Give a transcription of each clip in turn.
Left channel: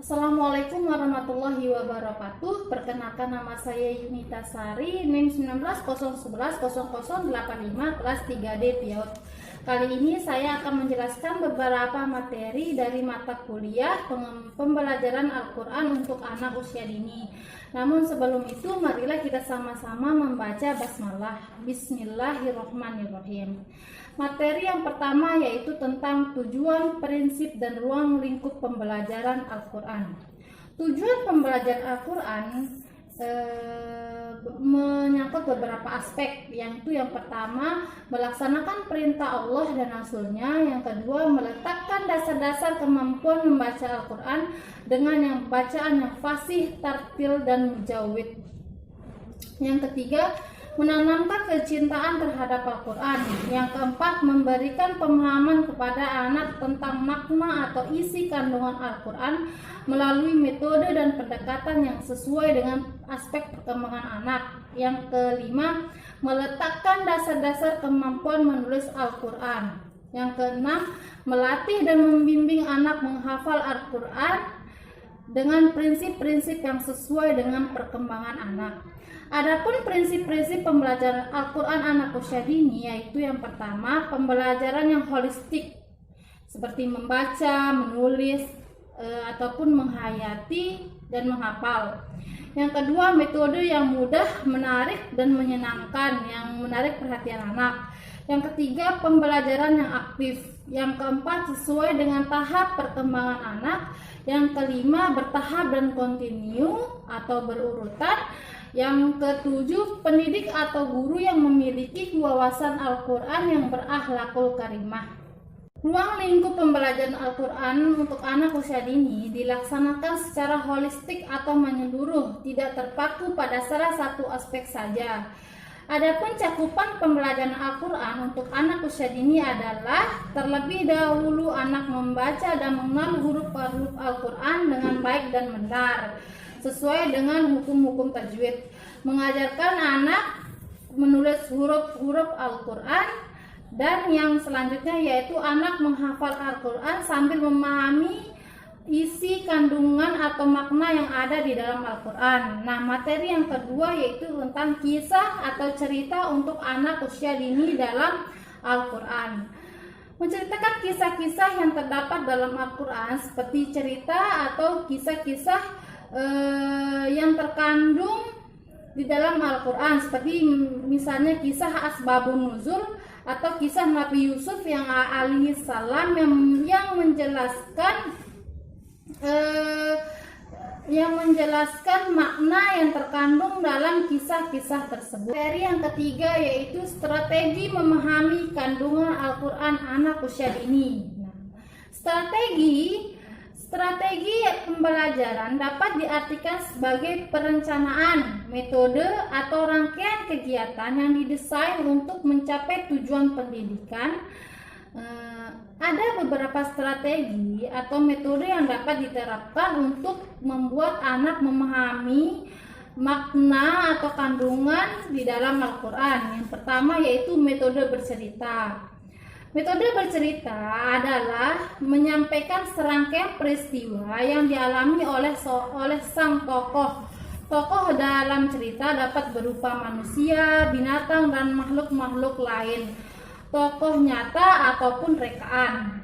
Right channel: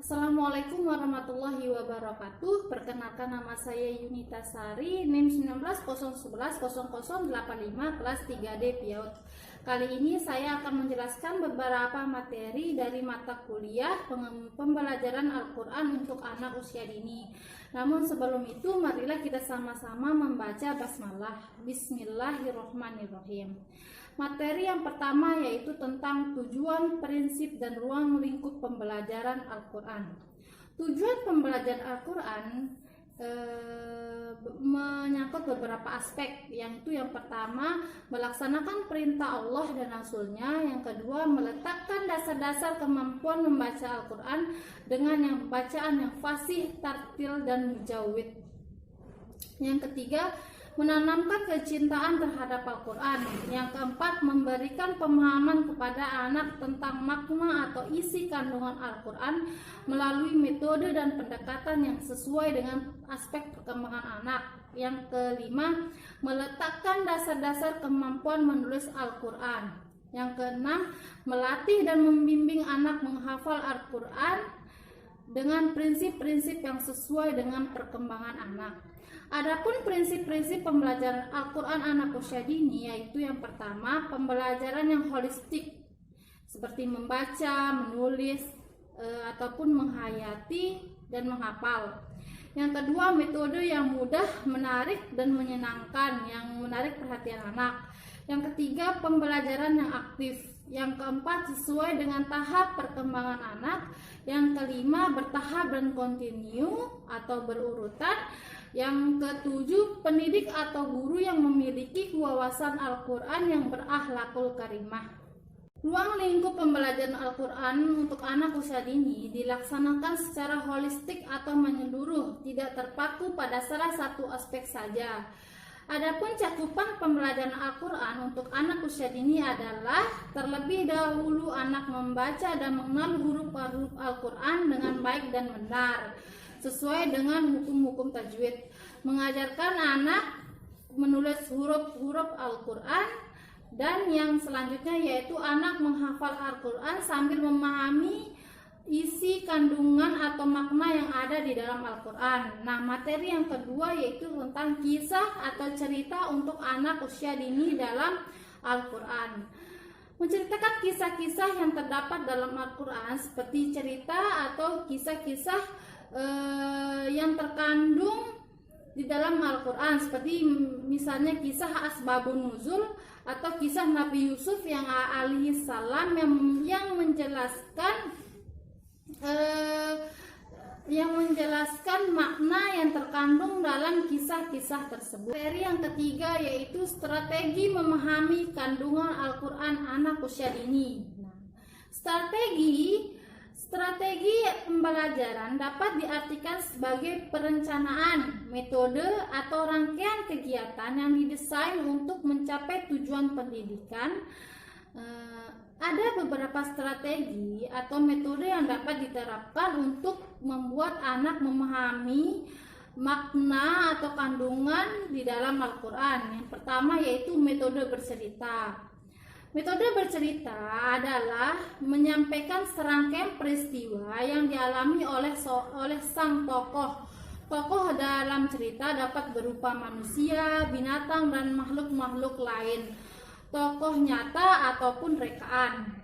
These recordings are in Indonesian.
Assalamualaikum warahmatullahi wabarakatuh. Perkenalkan, nama saya Yunita Sari, NIM 19011085 kelas 3D PIAUD. Kali ini saya akan menjelaskan beberapa materi dari mata kuliah pembelajaran Al-Quran untuk anak usia dini. Namun sebelum itu, marilah kita sama-sama membaca basmalah. Bismillahirrahmanirrahim. Materi yang pertama yaitu tentang tujuan, prinsip, dan ruang lingkup pembelajaran Al-Quran. Tujuan pembelajaran Al-Quran menyangkut beberapa aspek, yaitu yang pertama melaksanakan perintah Allah dan Rasul-Nya, yang kedua meletakkan dasar-dasar kemampuan membaca Al-Quran dengan bacaan yang fasih, tartil, dan mujawid. Yang ketiga, menanamkan kecintaan terhadap Al-Quran. Yang keempat, memberikan pemahaman kepada anak tentang makna atau isi kandungan Al-Quran melalui metode dan pendekatan yang sesuai dengan aspek perkembangan anak. Yang kelima, meletakkan dasar-dasar kemampuan menulis Al-Quran. Yang keenam, melatih dan membimbing anak menghafal Al-Quran dengan prinsip-prinsip yang sesuai dengan perkembangan anak. Adapun prinsip-prinsip pembelajaran Al-Quran anak usia dini, yaitu yang pertama, pembelajaran yang holistik seperti membaca, menulis, ataupun menghayati dan menghafal. Yang kedua, metode yang mudah, menarik, dan menyenangkan yang menarik perhatian anak. Yang ketiga, pembelajaran yang aktif. Yang keempat, sesuai dengan tahap perkembangan anak. Yang kelima, bertahap dan kontinu atau berurutan. Yang ketujuh, pendidik atau guru yang memiliki wawasan Al-Quran yang berakhlakul karimah. Ruang lingkup pembelajaran Al-Quran untuk anak usia dini dilaksanakan secara holistik atau menyeluruh, tidak terpaku pada salah satu aspek saja. Adapun cakupan pembelajaran Al-Quran untuk anak usia dini adalah terlebih dahulu anak membaca dan mengenal huruf-huruf Al-Quran dengan baik dan benar sesuai dengan hukum-hukum tajwid, mengajarkan anak menulis huruf-huruf Al-Quran, dan yang selanjutnya yaitu anak menghafal Al-Quran sambil memahami isi kandungan atau makna yang ada di dalam Al-Quran. Nah, materi yang kedua yaitu tentang kisah atau cerita untuk anak usia dini dalam Al-Quran. Menceritakan kisah-kisah yang terdapat dalam Al-Quran seperti cerita atau kisah-kisah yang terkandung di dalam Al-Quran, seperti misalnya kisah Asbabun Nuzul atau kisah Nabi Yusuf yang alaihi salam yang menjelaskan makna yang terkandung dalam kisah-kisah tersebut. Materi yang ketiga yaitu strategi memahami kandungan Al-Quran anak usia dini. Strategi pembelajaran dapat diartikan sebagai perencanaan, metode, atau rangkaian kegiatan yang didesain untuk mencapai tujuan pendidikan. Ada beberapa strategi atau metode yang dapat diterapkan untuk membuat anak memahami makna atau kandungan di dalam Al-Quran. Yang pertama yaitu metode bercerita. Metode bercerita adalah menyampaikan serangkaian peristiwa yang dialami oleh sang tokoh. Tokoh dalam cerita dapat berupa manusia, binatang, dan makhluk-makhluk lain, tokoh nyata ataupun rekaan.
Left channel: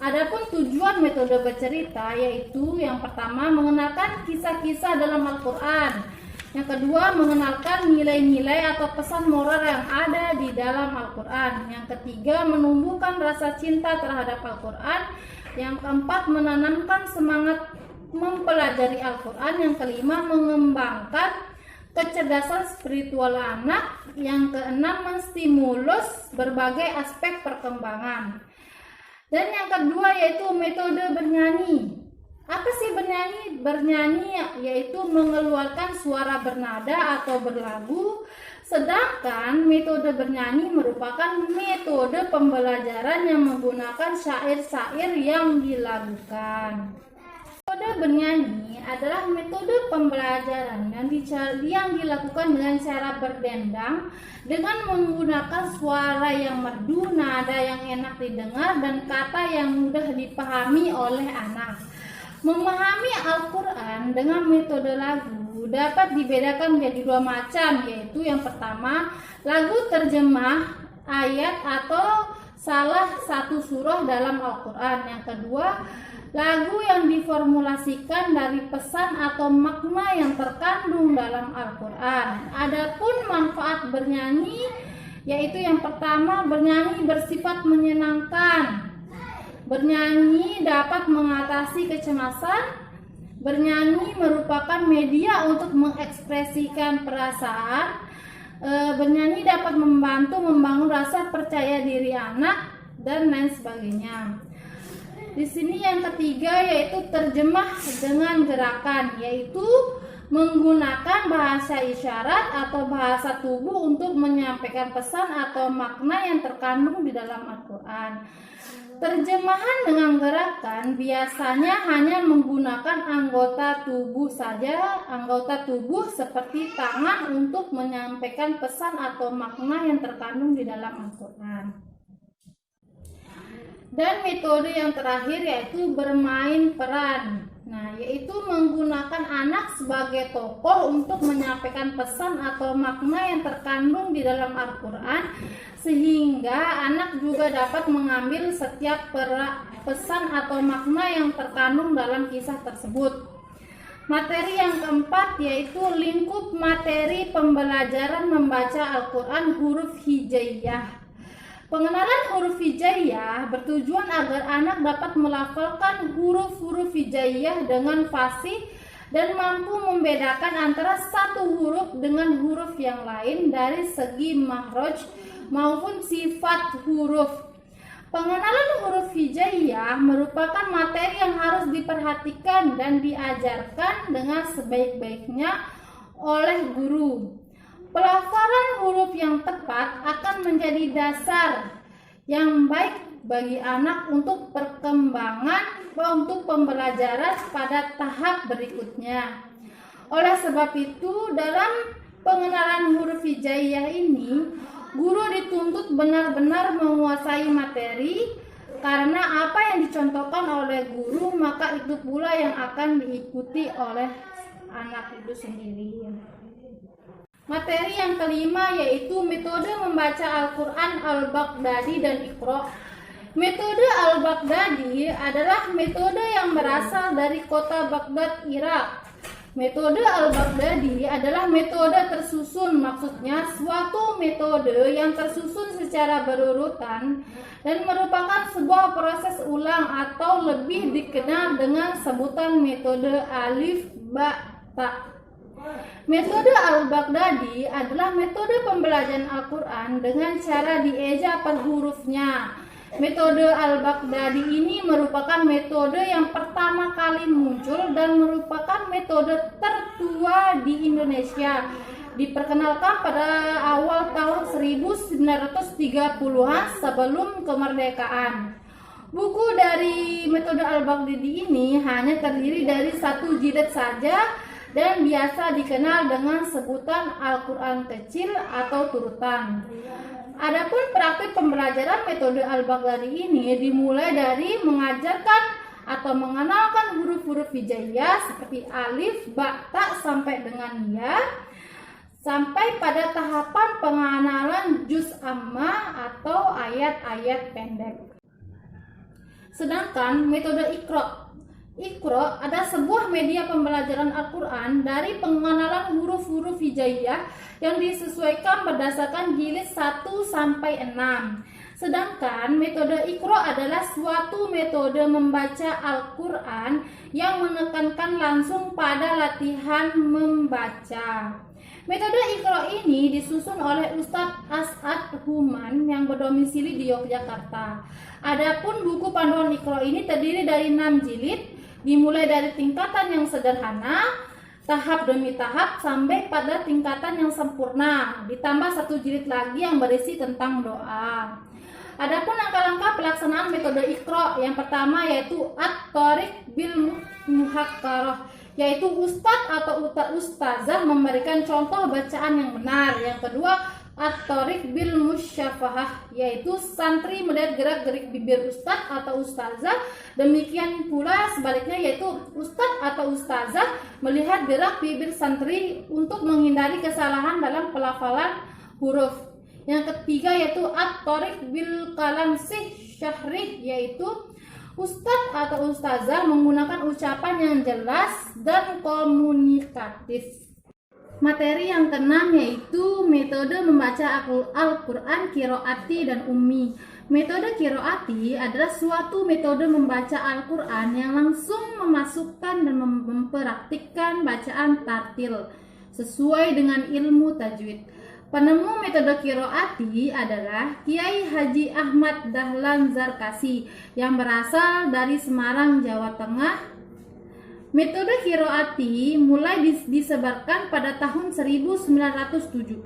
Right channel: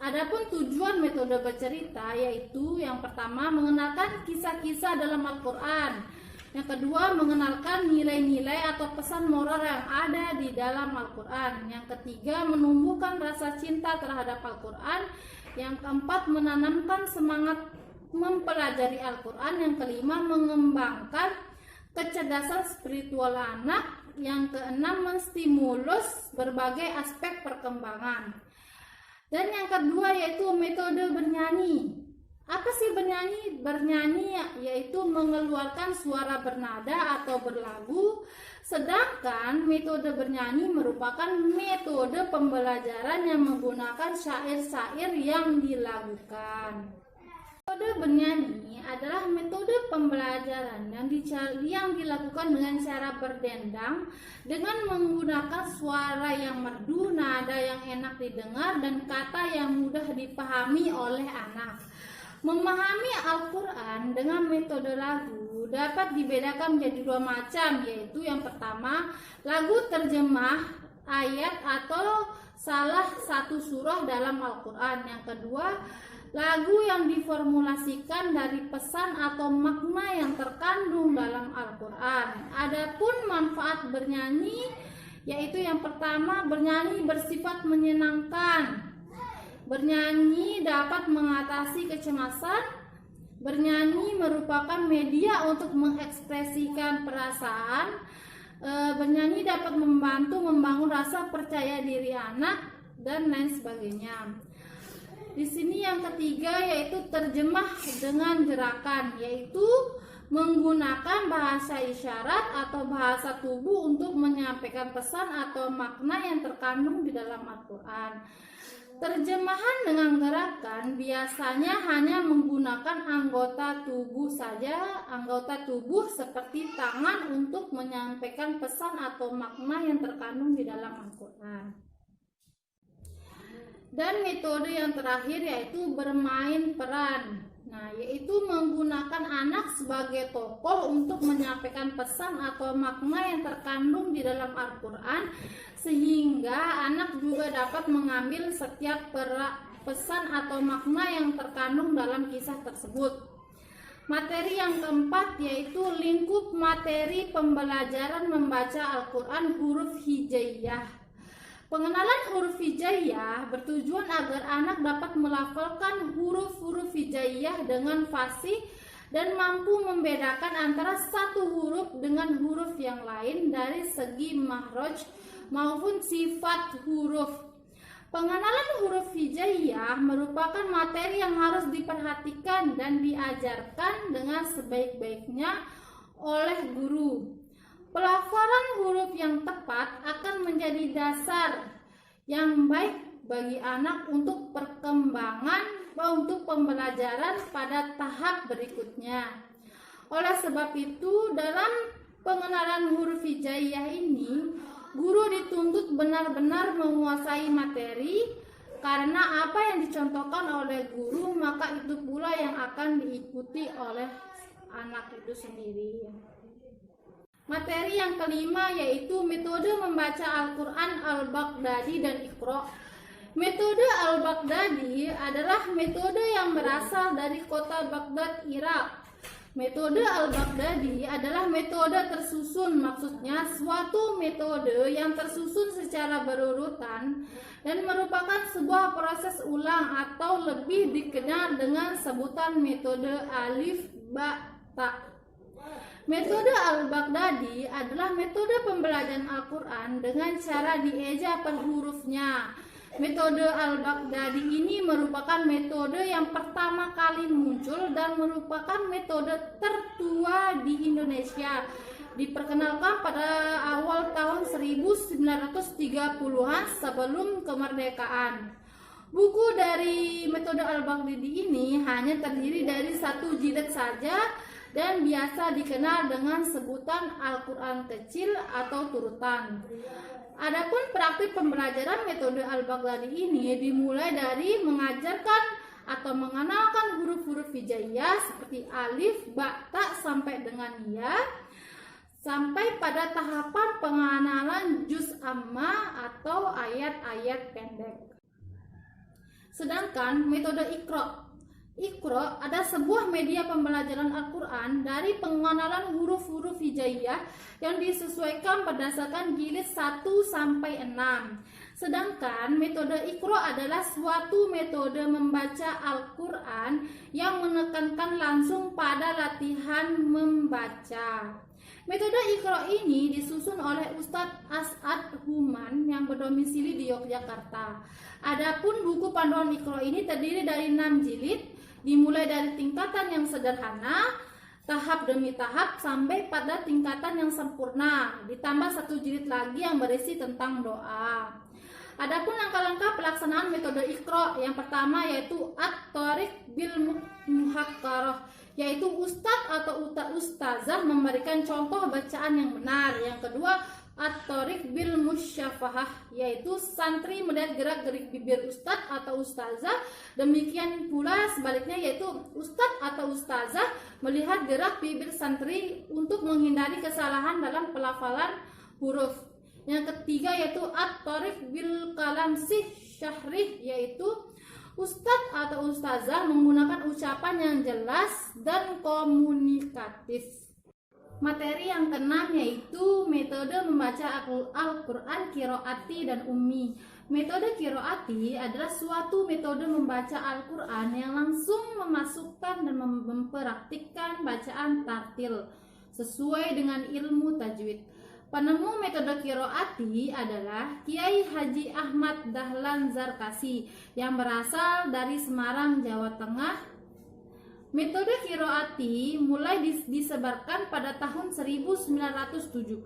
Adapun tujuan metode bercerita yaitu yang pertama mengenalkan kisah-kisah dalam Al-Quran. Yang kedua, mengenalkan nilai-nilai atau pesan moral yang ada di dalam Al-Quran. Yang ketiga, menumbuhkan rasa cinta terhadap Al-Quran. Yang keempat, menanamkan semangat mempelajari Al-Quran. Yang kelima, mengembangkan kecerdasan spiritual anak. Yang keenam, menstimulus berbagai aspek perkembangan. Dan yang kedua yaitu metode bernyanyi. Apa sih bernyanyi? Bernyanyi yaitu mengeluarkan suara bernada atau berlagu. Sedangkan metode bernyanyi merupakan metode pembelajaran yang menggunakan syair-syair yang dilagukan. Metode bernyanyi adalah metode pembelajaran yang dilakukan dengan cara berdendang dengan menggunakan suara yang merdu, nada yang enak didengar, dan kata yang mudah dipahami oleh anak. Memahami Al-Quran dengan metode lagu dapat dibedakan menjadi dua macam, yaitu yang pertama, lagu terjemah ayat atau salah satu surah dalam Al-Quran. Yang kedua, lagu yang diformulasikan dari pesan atau makna yang terkandung dalam Al-Quran. Adapun manfaat bernyanyi, yaitu yang pertama, bernyanyi bersifat menyenangkan. Bernyanyi dapat mengatasi kecemasan. Bernyanyi merupakan media untuk mengekspresikan perasaan. Bernyanyi dapat membantu membangun rasa percaya diri anak dan lain sebagainya. Di sini yang ketiga yaitu terjemah dengan gerakan, yaitu menggunakan bahasa isyarat atau bahasa tubuh untuk menyampaikan pesan atau makna yang terkandung di dalam Al-Quran. Terjemahan dengan gerakan biasanya hanya menggunakan anggota tubuh saja, anggota tubuh seperti tangan untuk menyampaikan pesan atau makna yang terkandung di dalam Al-Quran. Dan metode yang terakhir yaitu bermain peran. Nah, yaitu menggunakan anak sebagai tokoh untuk menyampaikan pesan atau makna yang terkandung di dalam Al-Quran, sehingga anak juga dapat mengambil setiap pesan atau makna yang terkandung dalam kisah tersebut. Materi yang keempat yaitu lingkup materi pembelajaran membaca Al-Quran huruf hijaiyah. Pengenalan huruf hijaiyah bertujuan agar anak dapat melafalkan huruf-huruf hijaiyah dengan fasih dan mampu membedakan antara satu huruf dengan huruf yang lain dari segi makhraj maupun sifat huruf. Pengenalan huruf hijaiyah merupakan materi yang harus diperhatikan dan diajarkan dengan sebaik-baiknya oleh guru. Pelafalan huruf yang tepat akan menjadi dasar yang baik bagi anak untuk perkembangan untuk pembelajaran pada tahap berikutnya. Oleh sebab itu, dalam pengenalan huruf hijaiyah ini, guru dituntut benar-benar menguasai materi, karena apa yang dicontohkan oleh guru maka itu pula yang akan diikuti oleh anak itu sendiri. Materi yang kelima yaitu metode membaca Al-Quran Al-Baghdadi dan Iqra. Metode Al-Baghdadi adalah metode yang berasal dari kota Baghdad, Irak. Metode Al-Baghdadi adalah metode tersusun, maksudnya suatu metode yang tersusun secara berurutan dan merupakan sebuah proses ulang atau lebih dikenal dengan sebutan metode alif ba ta. Metode Al-Baghdadi adalah metode pembelajaran Al-Quran dengan cara dieja per hurufnya. Metode Al-Baghdadi ini merupakan metode yang pertama kali muncul dan merupakan metode tertua di Indonesia. Diperkenalkan pada awal tahun 1930-an sebelum kemerdekaan. Buku dari metode Al-Baghdadi ini hanya terdiri dari satu jilid saja dan biasa dikenal dengan sebutan Al-Quran kecil atau turutan. Adapun praktik pembelajaran metode Al-Baghdadi ini dimulai dari mengajarkan atau mengenalkan huruf-huruf hijaiyah seperti alif, ba, ta sampai dengan ya, sampai pada tahapan pengenalan juz amma atau ayat-ayat pendek. Sedangkan metode Iqra adalah sebuah media pembelajaran Al-Quran dari pengenalan huruf-huruf hijaiyah yang disesuaikan berdasarkan jilid 1 sampai 6. Sedangkan metode Iqra adalah suatu metode membaca Al-Quran yang menekankan langsung pada latihan membaca. Metode Iqra ini disusun oleh Ustadz As'ad Human yang berdomisili di Yogyakarta. Adapun buku panduan Iqra ini terdiri dari 6 jilid, dimulai dari tingkatan yang sederhana, tahap demi tahap sampai pada tingkatan yang sempurna, ditambah satu jilid lagi yang berisi tentang doa. Adapun langkah-langkah pelaksanaan metode Iqra, yang pertama yaitu at-thariq bil muhakkarah, yaitu ustadz atau ustazah memberikan contoh bacaan yang benar. Yang kedua, at-thariq bil musyafahah, yaitu santri melihat gerak-gerik bibir ustadz atau ustazah. Demikian pula sebaliknya, yaitu ustadz atau ustazah melihat gerak bibir santri untuk menghindari kesalahan dalam pelafalan huruf. Yang ketiga yaitu at-thariq bil kalam syahrih, yaitu ustadz atau ustazah menggunakan ucapan yang jelas dan komunikatif. Materi yang keenam yaitu metode membaca Al-Quran qiraati dan ummi. Metode qiraati adalah suatu metode membaca Al-Quran yang langsung memasukkan dan mempraktikkan bacaan tartil sesuai dengan ilmu tajwid. Penemu metode qiraati adalah Kiai Haji Ahmad Dahlan Zarkasi yang berasal dari Semarang, Jawa Tengah. Metode qiraati mulai disebarkan pada tahun 1970.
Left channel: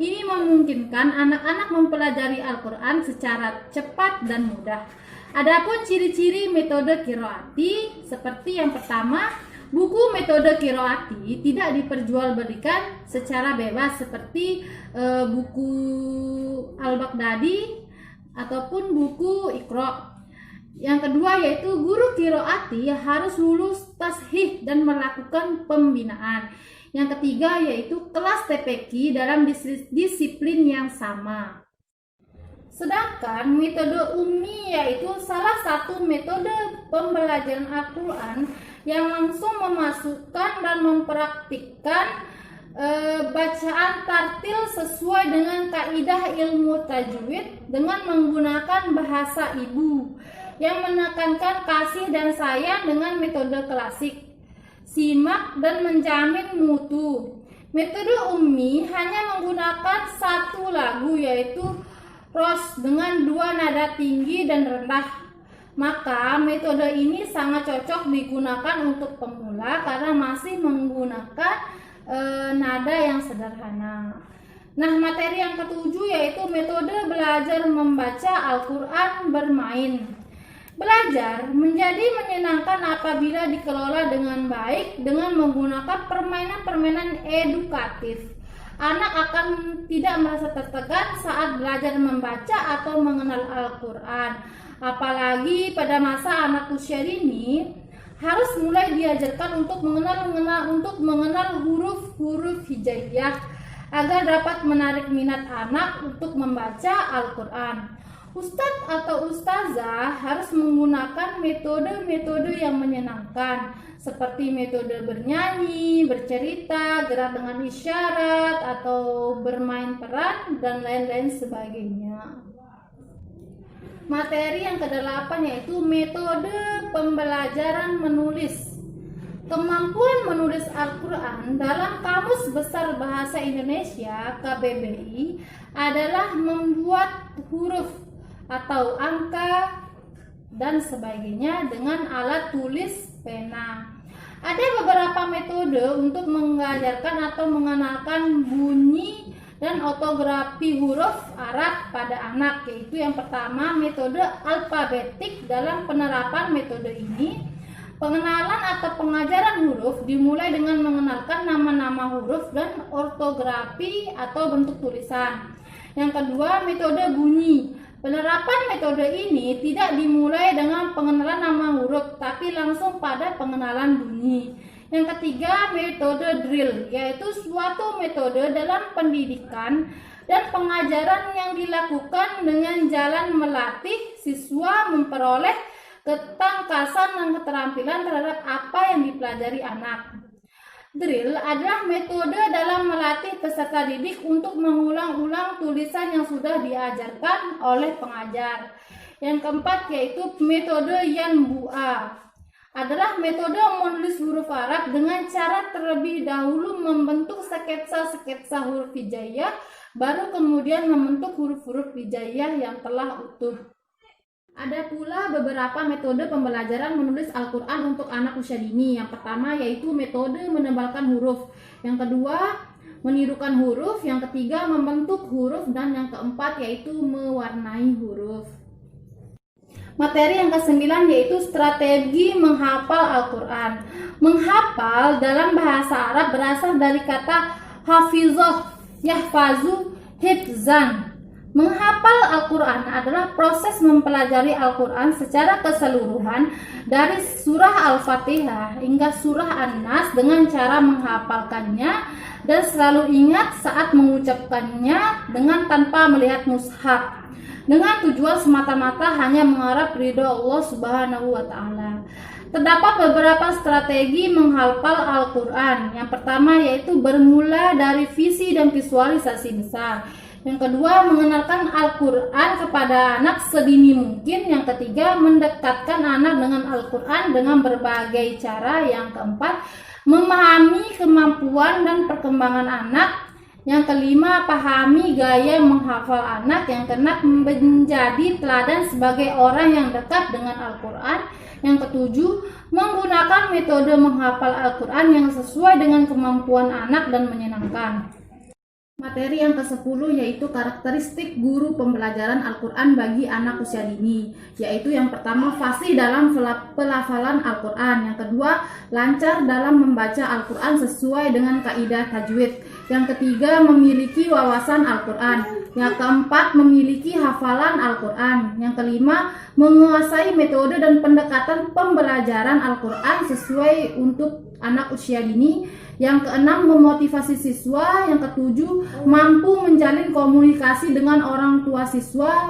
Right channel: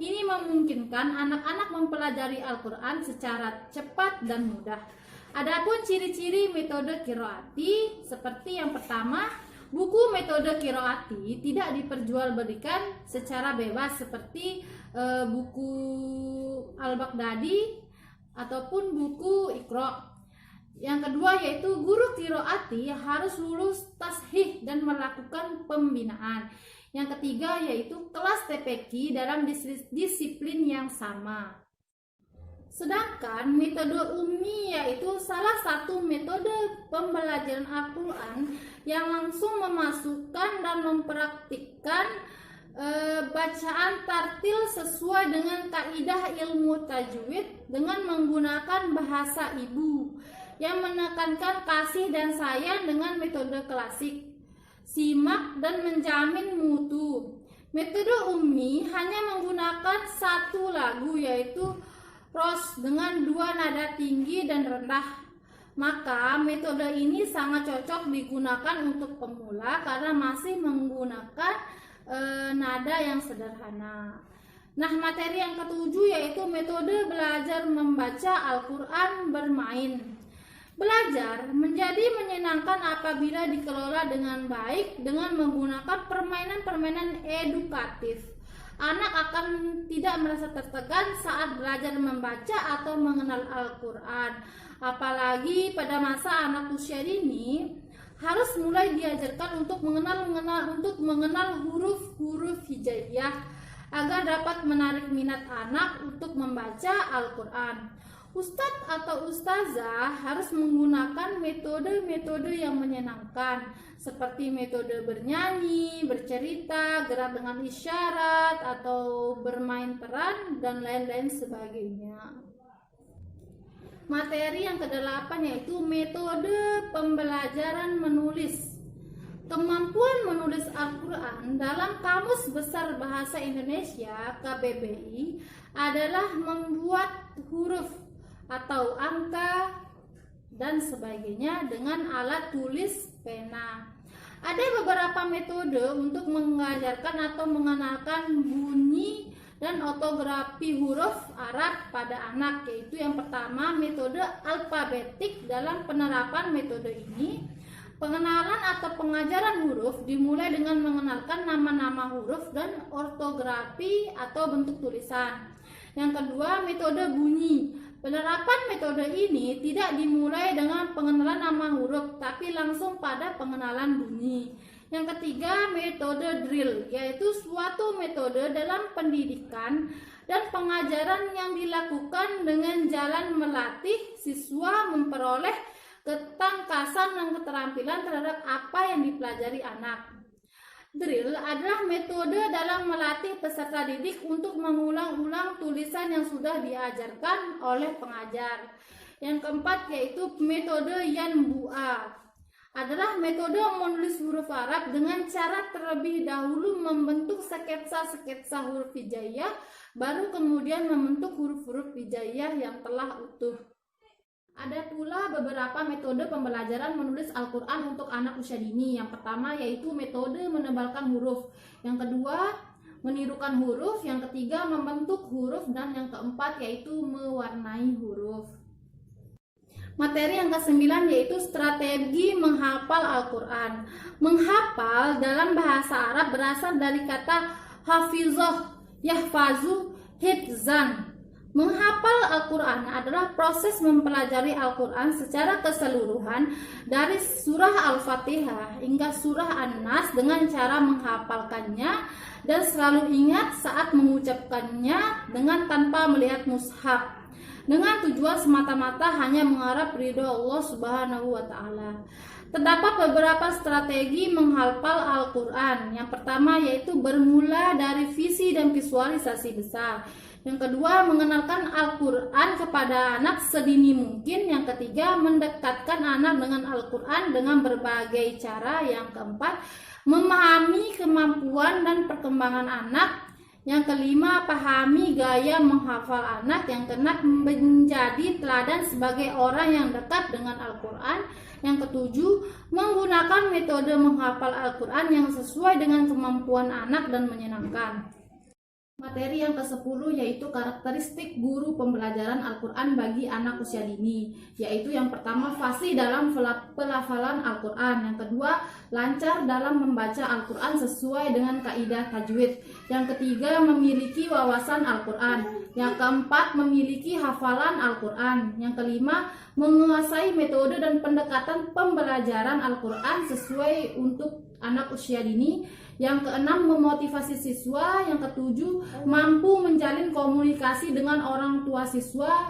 Ini memungkinkan anak-anak mempelajari Al-Quran secara cepat dan mudah. Adapun ciri-ciri metode qiraati seperti yang pertama, buku metode qiraati tidak diperjualbelikan secara bebas seperti buku Al-Baghdadi ataupun buku Iqra. Yang kedua yaitu guru qiraati harus lulus tashih dan melakukan pembinaan. Yang ketiga yaitu kelas TPQ dalam disiplin yang sama. Sedangkan metode ummi yaitu salah satu metode pembelajaran Al-Quran yang langsung memasukkan dan mempraktikkan bacaan tartil sesuai dengan kaidah ilmu tajwid dengan menggunakan bahasa ibu yang menekankan kasih dan sayang dengan metode klasik, simak dan menjamin mutu. Metode ummi hanya menggunakan satu lagu yaitu ros dengan 2 nada tinggi dan rendah. Maka metode ini sangat cocok digunakan untuk pemula karena masih menggunakan nada yang sederhana. Nah, materi yang ketujuh yaitu metode belajar membaca Al-Quran bermain. Belajar menjadi menyenangkan apabila dikelola dengan baik dengan menggunakan permainan-permainan edukatif. Anak akan tidak merasa tertekan saat belajar membaca atau mengenal Al-Quran. Apalagi pada masa anak usia dini harus mulai diajarkan untuk mengenal huruf-huruf hijaiyah agar dapat menarik minat anak untuk membaca Al-Quran. Ustadz atau ustazah harus menggunakan metode-metode yang menyenangkan seperti metode bernyanyi, bercerita, gerak dengan isyarat, atau bermain peran, dan lain-lain sebagainya. Materi yang ke-8 yaitu metode pembelajaran menulis. Kemampuan menulis Al-Quran dalam Kamus Besar Bahasa Indonesia KBBI adalah membuat huruf atau angka dan sebagainya dengan alat tulis pena. Ada beberapa metode untuk mengajarkan atau mengenalkan bunyi dan ortografi huruf Arab pada anak, yaitu yang pertama metode alfabetik. Dalam penerapan metode ini, pengenalan atau pengajaran huruf dimulai dengan mengenalkan nama-nama huruf dan ortografi atau bentuk tulisan. Yang kedua, metode bunyi. Penerapan metode ini tidak dimulai dengan pengenalan nama huruf, tapi langsung pada pengenalan bunyi. Yang ketiga, metode drill, yaitu suatu metode dalam pendidikan dan pengajaran yang dilakukan dengan jalan melatih siswa memperoleh ketangkasan dan keterampilan terhadap apa yang dipelajari anak. Drill adalah metode dalam melatih peserta didik untuk mengulang-ulang tulisan yang sudah diajarkan oleh pengajar. Yang keempat yaitu metode Yanbu'a, adalah metode menulis huruf Arab dengan cara terlebih dahulu membentuk sketsa-sketsa huruf hijaiyah, baru kemudian membentuk huruf-huruf hijaiyah yang telah utuh. Ada pula beberapa metode pembelajaran menulis Al-Quran untuk anak usia dini. Yang pertama yaitu metode menebalkan huruf. Yang kedua, menirukan huruf. Yang ketiga, membentuk huruf. Dan yang keempat yaitu mewarnai huruf. Materi yang ke-9 yaitu strategi menghafal Al-Quran. Menghafal dalam bahasa Arab berasal dari kata hafizah, yahfazu, hifzan. Menghafal Al-Quran adalah proses mempelajari Al-Quran secara keseluruhan dari surah Al-Fatihah hingga surah An-Nas dengan cara menghafalkannya dan selalu ingat saat mengucapkannya dengan tanpa melihat mushaf, dengan tujuan semata-mata hanya mengharap ridho Allah Subhanahu wa Ta'ala. Terdapat beberapa strategi menghafal Al-Quran. Yang pertama yaitu bermula dari visi dan visualisasi besar. Yang kedua, mengenalkan Al-Quran kepada anak sedini mungkin. Yang ketiga, mendekatkan anak dengan Al-Quran dengan berbagai cara. Yang keempat, memahami kemampuan dan perkembangan anak. Yang kelima, pahami gaya menghafal anak. Yang keenam, menjadi teladan sebagai orang yang dekat dengan Al-Quran. Yang ketujuh, menggunakan metode menghafal Al-Quran yang sesuai dengan kemampuan anak dan menyenangkan. Materi yang ke-10 yaitu karakteristik guru pembelajaran Al-Quran bagi anak usia dini, yaitu yang pertama fasih dalam pelafalan Al-Quran, yang kedua lancar dalam membaca Al-Quran sesuai dengan kaidah tajwid, yang ketiga memiliki wawasan Al-Quran, yang keempat memiliki hafalan Al-Quran, yang kelima menguasai metode dan pendekatan pembelajaran Al-Quran sesuai untuk anak usia dini, yang keenam memotivasi siswa, yang ketujuh mampu menjalin komunikasi dengan orang tua siswa,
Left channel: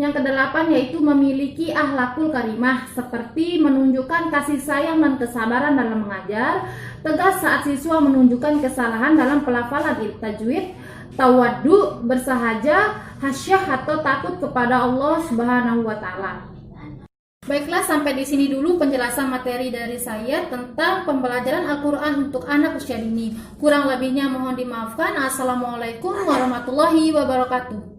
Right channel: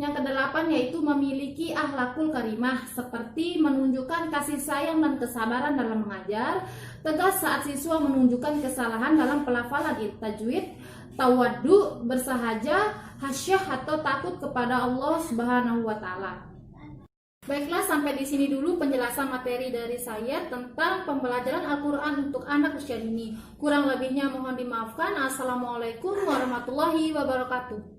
yang kedelapan yaitu memiliki akhlakul karimah seperti menunjukkan kasih sayang dan kesabaran dalam mengajar, tegas saat siswa menunjukkan kesalahan dalam pelafalan tajwid, tawaddu, bersahaja, hasyah atau takut kepada Allah Subhanahu wa Ta'ala. Baiklah, sampai di sini dulu penjelasan materi dari saya tentang pembelajaran Al-Quran untuk anak usia dini. Kurang lebihnya mohon dimaafkan. Assalamualaikum warahmatullahi wabarakatuh.